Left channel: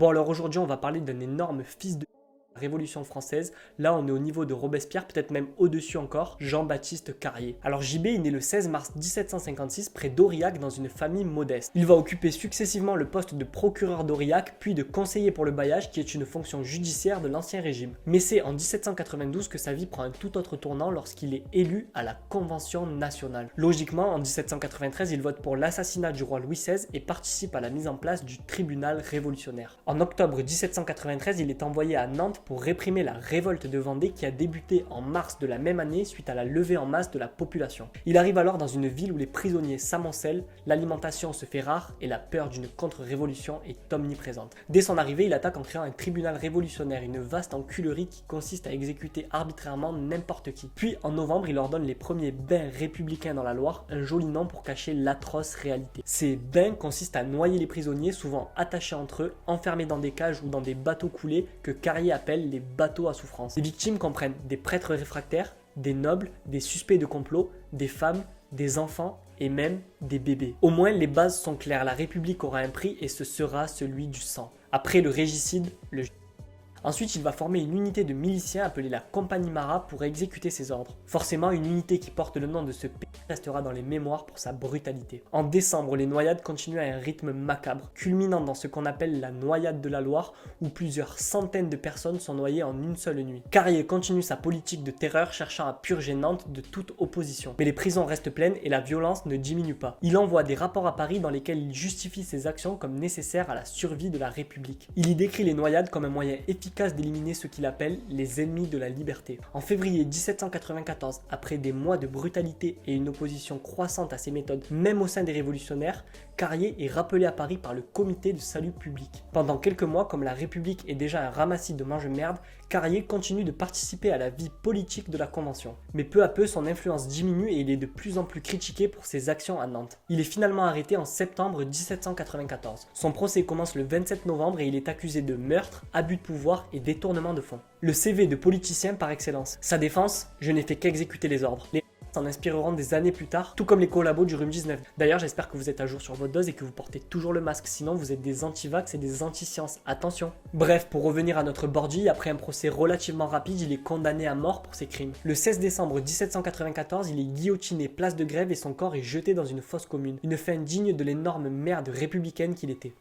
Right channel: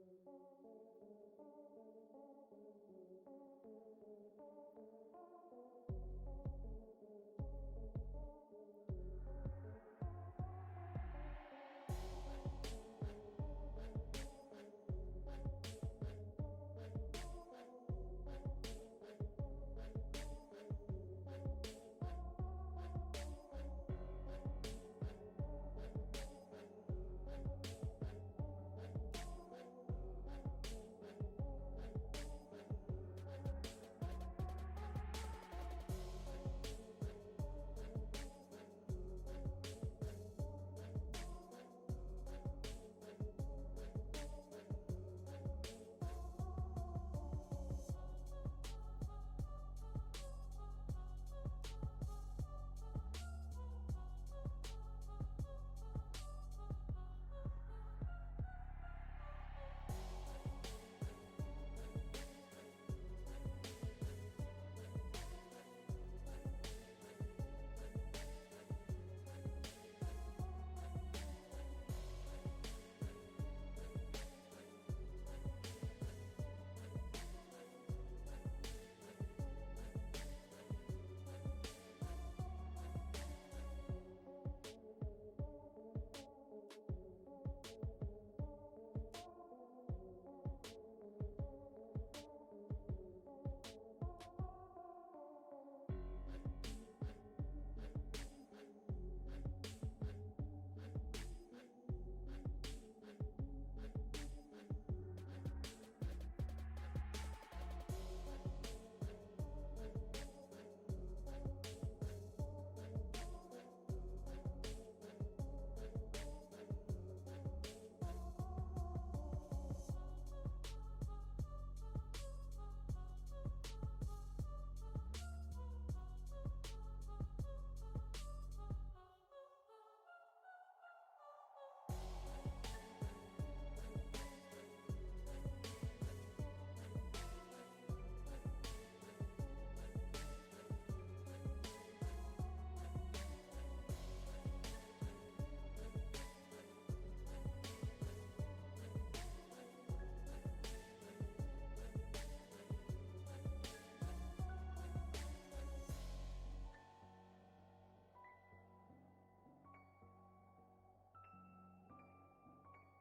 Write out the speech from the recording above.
Bon alors aujourd'hui on va parler d'un énorme fils de Révolution française. Là on est au niveau de Robespierre, peut-être même au-dessus encore, Jean-Baptiste Carrier. Alors JB est né le 16 mars 1756 près d'Aurillac dans une famille modeste. Il va occuper successivement le poste de procureur d'Aurillac puis de conseiller pour le bailliage qui est une fonction judiciaire de l'ancien régime. Mais c'est en 1792 que sa vie prend un tout autre tournant lorsqu'il est élu à la Convention nationale. Logiquement en 1793 il vote pour l'assassinat du roi Louis XVI et participe à la mise en place du tribunal révolutionnaire. En octobre 1793 il est envoyé à Nantes pour réprimer la révolte de Vendée qui a débuté en mars de la même année suite à la levée en masse de la population. Il arrive alors dans une ville où les prisonniers s'amoncellent, l'alimentation se fait rare et la peur d'une contre-révolution est omniprésente. Dès son arrivée, il attaque en créant un tribunal révolutionnaire, une vaste enculerie qui consiste à exécuter arbitrairement n'importe qui. Puis en novembre, il ordonne les premiers bains républicains dans la Loire, un joli nom pour cacher l'atroce réalité. Ces bains consistent à noyer les prisonniers, souvent attachés entre eux, enfermés dans des cages ou dans des bateaux coulés que Carrier appelle les bateaux à souffrance. Les victimes comprennent des prêtres réfractaires, des nobles, des suspects de complot, des femmes, des enfants et même des bébés. Au moins les bases sont claires, la République aura un prix et ce sera celui du sang. Après le régicide, le Ensuite, il va former une unité de miliciens appelée la Compagnie Marat pour exécuter ses ordres. Forcément, une unité qui porte le nom de ce pays restera dans les mémoires pour sa brutalité. En décembre, les noyades continuent à un rythme macabre, culminant dans ce qu'on appelle la noyade de la Loire, où plusieurs centaines de personnes sont noyées en une seule nuit. Carrier continue sa politique de terreur, cherchant à purger Nantes de toute opposition. Mais les prisons restent pleines et la violence ne diminue pas. Il envoie des rapports à Paris dans lesquels il justifie ses actions comme nécessaires à la survie de la République. Il y décrit les noyades comme un moyen efficace d'éliminer ce qu'il appelle les ennemis de la liberté. En février 1794, après des mois de brutalité et une opposition croissante à ses méthodes, même au sein des révolutionnaires, Carrier est rappelé à Paris par le comité de salut public. Pendant quelques mois, comme la République est déjà un ramassis de mange-merde, Carrier continue de participer à la vie politique de la Convention. Mais peu à peu, son influence diminue et il est de plus en plus critiqué pour ses actions à Nantes. Il est finalement arrêté en septembre 1794. Son procès commence le 27 novembre et il est accusé de meurtre, abus de pouvoir et détournement de fonds. Le CV de politicien par excellence. Sa défense, je n'ai fait qu'exécuter les ordres. Les s'en inspireront des années plus tard, tout comme les collabos du Rhume 19. D'ailleurs, j'espère que vous êtes à jour sur votre dose et que vous portez toujours le masque, sinon vous êtes des anti-vax et des anti-sciences. Attention. Bref, pour revenir à notre Bordy, après un procès relativement rapide, il est condamné à mort pour ses crimes. Le 16 décembre 1794, il est guillotiné place de Grève et son corps est jeté dans une fosse commune. Une fin digne de l'énorme merde républicaine qu'il était.